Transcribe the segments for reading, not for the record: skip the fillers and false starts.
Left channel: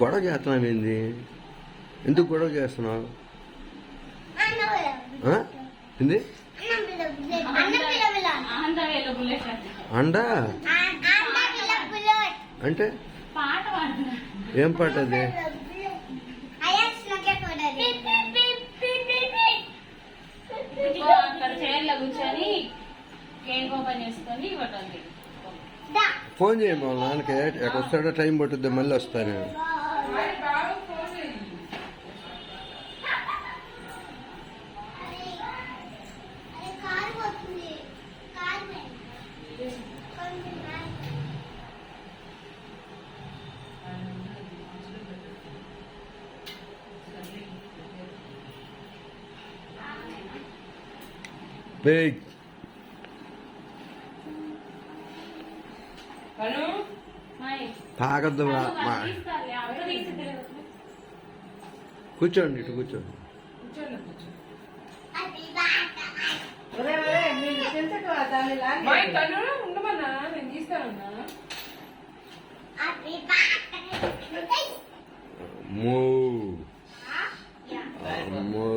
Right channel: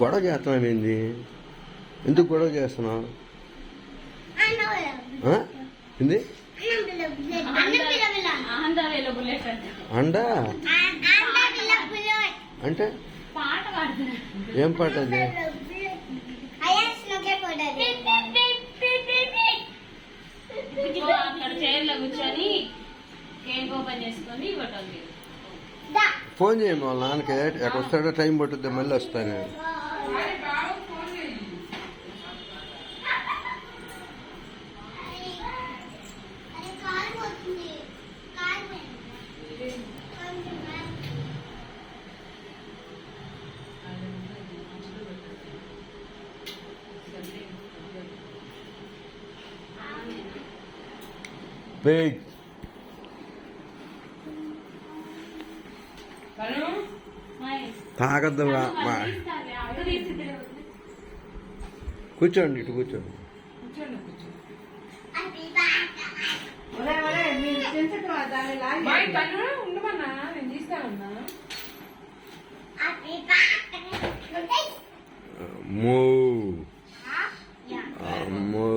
గొడవ చేస్తున్నావు ఏంది? ఎందుకు గొడవ చేస్తున్నావు? ఏంది అండ అంటే ఏం పాట అది? కూర్చొని కేక్ ఓపెన్ చేసుకొని ఇవ్వటండి. ఫోన్ చేయండి వాళ్ళ నాన్నకి. ఎక్కడ వస్తాడో టైం పట్టుద్ది, మళ్ళీ వస్తాను. తాగద్దు. కూర్చోండి, ఇటు కూర్చోండి. ఉండమన్నా నేను తీస్తానన్నా. అమ్మో అమ్మో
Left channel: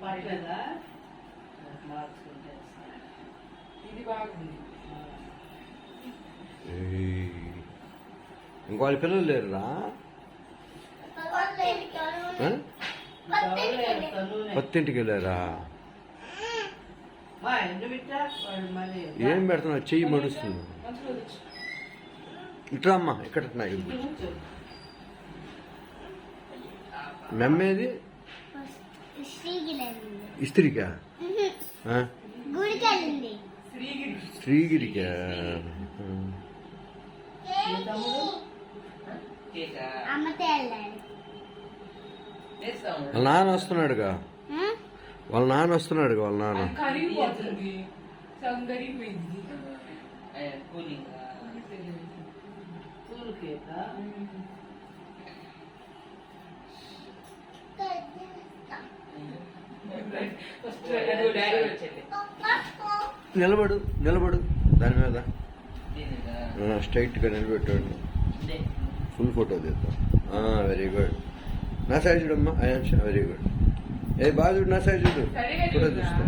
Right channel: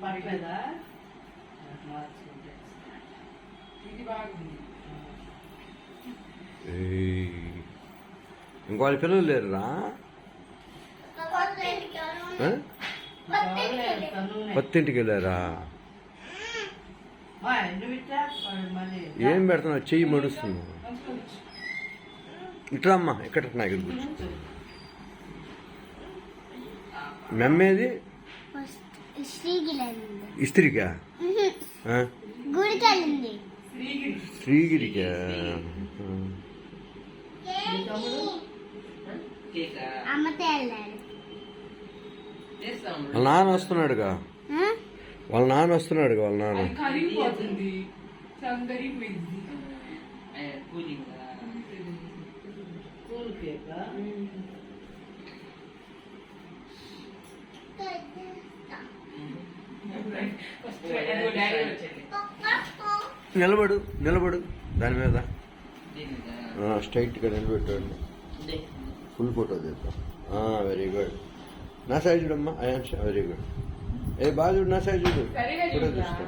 పట్టలేదా? ఇది బాగుంది. ఇంకోళ్ళ పిల్లలు లేరురా? కొత్తింటికి వెళ్ళారా? ఏం పెడుతున్నావు? చెయ్యి మడుస్తున్నావు. ఇట్లా ఇక్కడ నాకు మెమ్మేది ఇస్త్రీకా? శ్రీగిరికా? వాళ్ళ నాన్న వస్తున్నాడుగా. వాళ్ళ నాన్న వస్తున్నాడుగా. వాళ్ళ నాన్న నిలబడు, నిలబడు దాని మీద స్ట్రైట్ గా నిలబెట్టాడు. ఫుల్ ఫోటో తీద్దాం. Very good. నా సైడ్ చూడమ్మా. Very good. ఏ బాగా చూడు, నా సైడ్ చూడు. ఫోటో తీస్తా.